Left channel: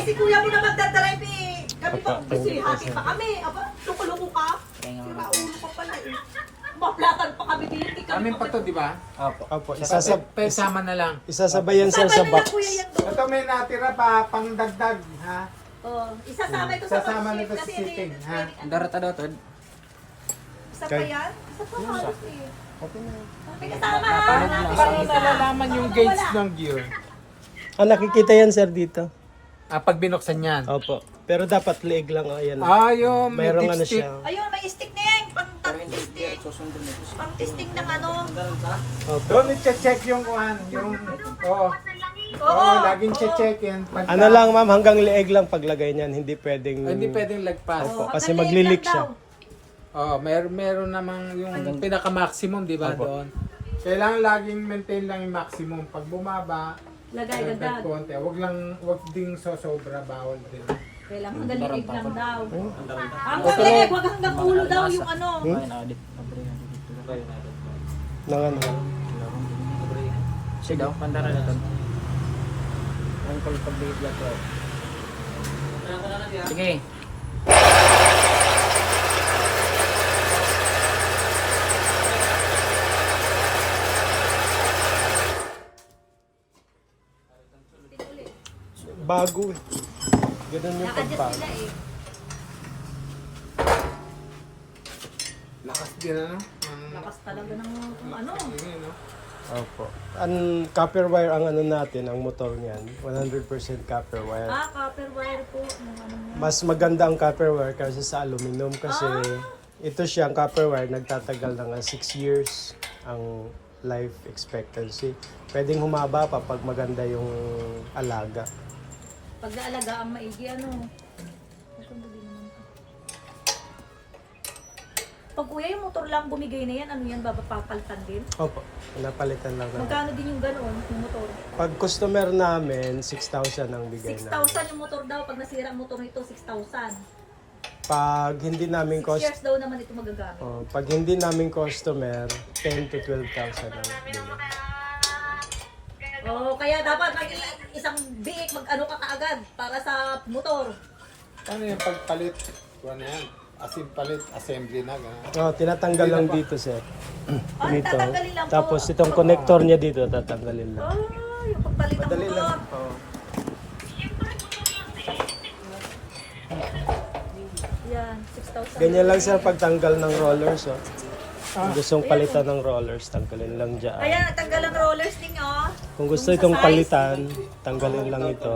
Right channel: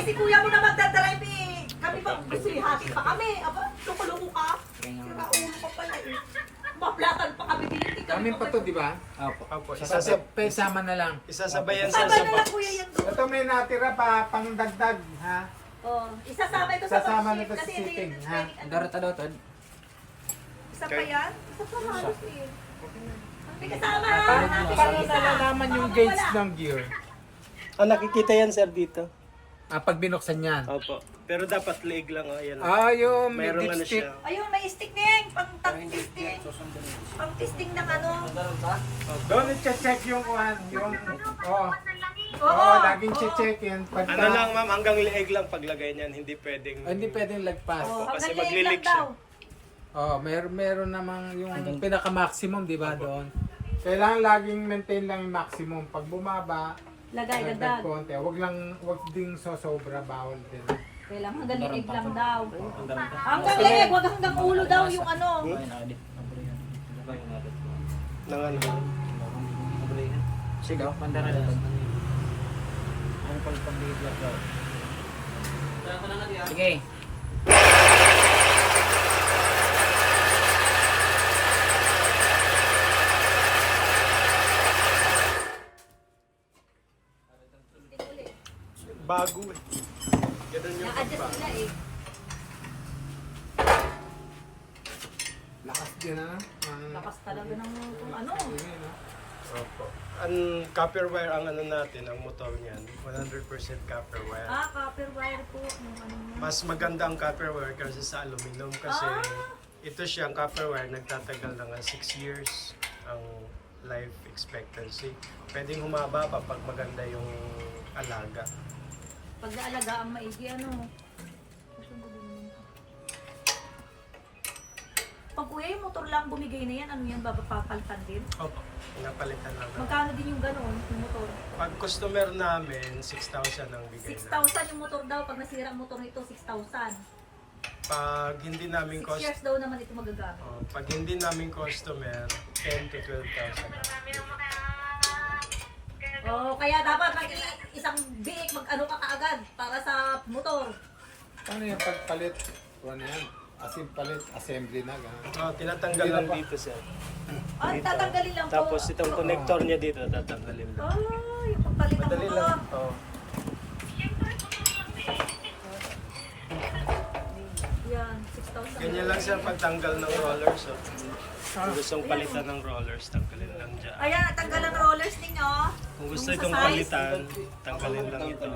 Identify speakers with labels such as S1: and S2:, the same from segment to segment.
S1: si kuya mo na magdadrive eh. Kami pa, gusto hati pa kami. Aba, luko-luko ka. Sira ulo ka pala eh. Maplatan pa kami din.
S2: Amin pa to, di ba?
S3: Opo,
S2: Sama na lang.
S3: isasabayan sir sa box.
S1: kuya yan doon.
S2: Ito may natira pa, pangdagdag, ha?
S1: Oh, isasama ito sa
S2: Sasama
S1: pag-ship
S2: nito sa
S1: kasi
S2: shipping,
S1: hindi
S2: ha?
S1: pwedeng ano.
S4: Darata daw to.
S1: Isa pa yan? Isa pa halos eh. May kasama
S2: Paano nalalaman yung gauge ng gear?
S3: Nakikita yan sir dito.
S2: Pag binuksan yan.
S3: Opo. Pero dapat leeg lang. Ayan.
S2: Yung may
S3: Mayroong ano
S2: dipstick.
S3: siya.
S1: Ayun, may stick na yan. Pang-testing. Pang-testing ng ano.
S2: Doon i-check yung kuhan. Yung, oo.
S1: Oo.
S2: Laging check yan. Pagka,
S3: Ano lang ma'am, hanggang leeg lang paglagay niyan. Hindi pwedeng...
S2: Hindi pwedeng lagpas.
S1: Oh,
S3: kasi
S1: hanggang
S3: maglilik
S1: leeg lang
S3: siya.
S2: Meron namang yung pinaka-maximum, di ba, doon? Kailangan laging maintain lang yung maximum. Pag bumaba,
S1: Lagay, dagdag.
S2: konti. Wag ding sosobra, bawal din.
S1: Kailangan hanggang leeg lang daw. Hanggang leeg, wag hanggang ulo daw yung ano.
S3: Nangan.
S4: Sige daw, bandara na to. Ano pag pag-bigit to? Sige.
S3: Bago eh. Ganun yung
S1: Na-adjust
S3: pagbago.
S1: nila eh.
S2: Lakas din, ano?
S1: Lakas talaga ng kung ano.
S3: Opo. Ang copper wire ang ano natin, ang motor niyan. 100% copper wire.
S1: Copper wire po. Nung ano niya.
S3: Mas maganda ang copper wire kasi sa aluminum kasi ito siya, ang copper wire, nagtatagal na nga 6 years ang life expectancy. Pwedeng humaba pa pag maganda yung alaga.
S1: Pag naalaga ang maigi, ano. Pag kuya yung motor lang bumigay na yan, ano yan, papalitan din?
S3: Opo, napalitan lang na.
S1: Magkano din yung ganoon, yung motor?
S3: Pag customer namin, 6,000 ang bigay na.
S1: 6,000 yung motor daw. Pag nasira ang motor nito, 6,000.
S3: Pag hindi namin
S1: 6 years daw naman ito magagamit.
S3: pag hindi namin customer, 10 to 12,000 ang bigay.
S1: Kaya dapat isang biik mag-ano ka kaagad para sa motor.
S2: Ano yung pagpalit? Ano yan? Palit, assembly na, gano'n.
S3: Tinatanggal lang dito, sir. Ganito.
S1: Tatanggalin lang po.
S3: Tapos itong connector niya dito, tatanggalin lang.
S1: Yung pagpalit ng
S3: Madali
S1: motor.
S3: lang. Oo.
S1: Yan, 6,000.
S3: Ganyan lang siya pagtanggal ng rollers. Kung gustong palitan ng rollers, tanggalin lang dyan.
S1: Ayan, tanggal ang rollers ninyo.
S3: Kung gusto
S1: Yung sa
S3: itong
S1: size.
S3: palitan, tanggalin lang ito.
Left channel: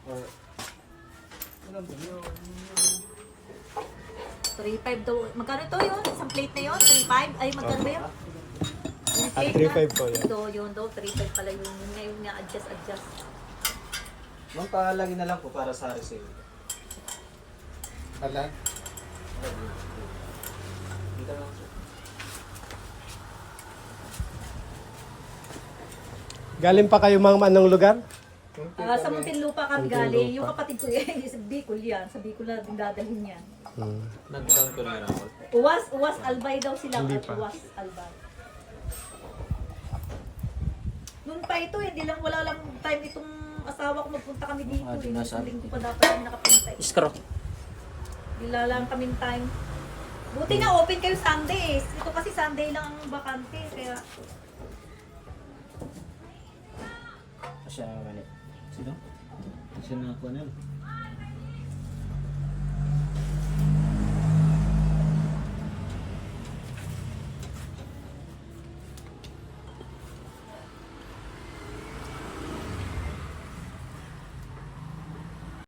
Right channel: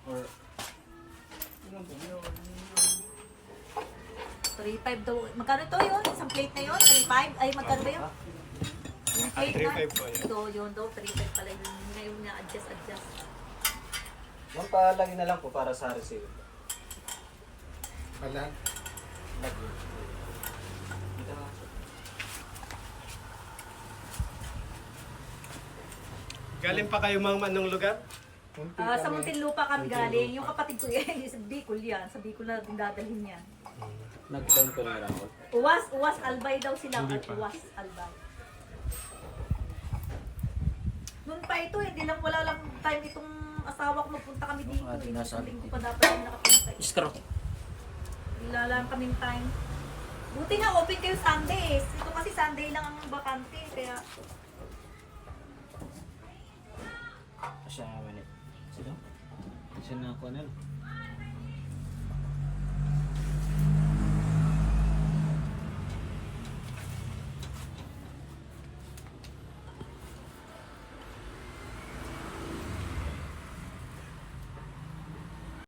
S1: 3,500 daw. Magkano ito yun? Isang plate na yun? 3,500? Ay, magkano ba yun? Yung
S3: Ah,
S1: plate
S3: 3,500 po yun.
S1: Ito, yun daw. 3,500 pala yun. Yun na yung na-adjust.
S4: Magpalagi na lang po para sa receive.
S2: Wala.
S3: Galing pa kayo mga anong lugar?
S1: Sa Muntinlupa kami
S3: Muntinlupa.
S1: galing. Yung kapatid ko yan, sa Bicol yan. Sa Bicol na din dadalhin yan.
S2: Nag-down ko na ako.
S1: Uwas Albay daw sila.
S3: Hindi
S1: At
S3: pa.
S1: Uwas Albay. Noon pa ito, hindi lang wala lang time itong asawa ko magpunta kami dito.
S4: di
S1: Eh.
S4: nasabi.
S1: Isang linggo pa dapat kami nakapunta. Eh.
S4: Screw.
S1: Wala lang kaming time. Buti nga open kayo Sundays. Ito kasi Sunday lang ang bakante. Kaya
S4: Siya naman eh. Sino? Sino na po nila?